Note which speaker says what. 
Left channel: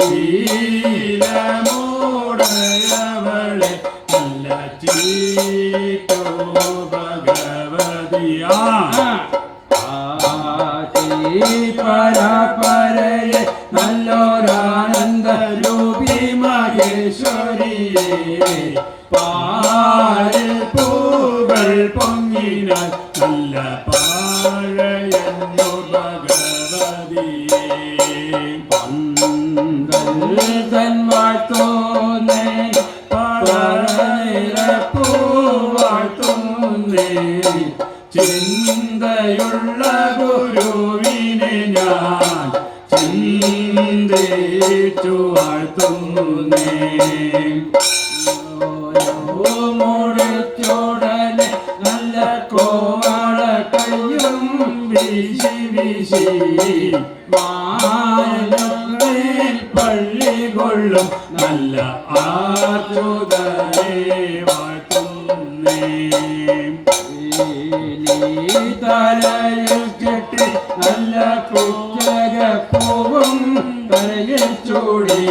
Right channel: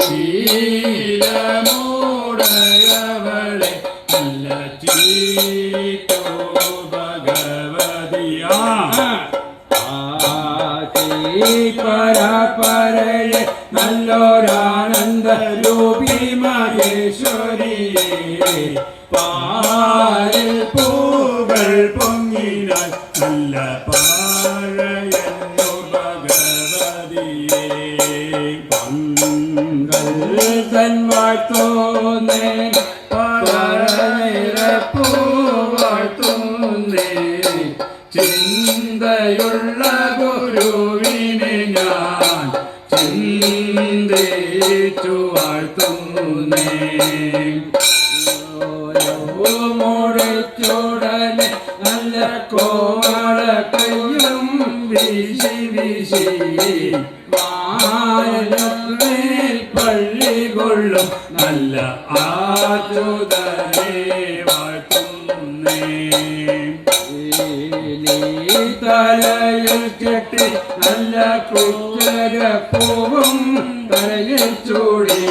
Speaker 1: ശീലമോടയവളെ നല്ല ചീട്ടോ ഭഗവതിയാ പരപരയെ നല്ലൊരാനന്ദ രൂപി മഹേശ്വരിയെ പൊങ്ങിനാൽ നല്ല പാഴയെന്നു. ചിന്തയുള്ള ഗുരുവിനെ ഞാൻ ചിന്തിച്ചു വാഴ്ത്തുന്നേ മുടിച്ചോടനെ നല്ല കോമളക്ക വീശി വീശി മാനമേൽ പള്ളി കൊള്ളും നല്ല ആതുതനെ വാട്ടുന്നേ തലയിൽ കെട്ടി നല്ല പുസ്തക പൂവും തലയിൽ ചൂടി.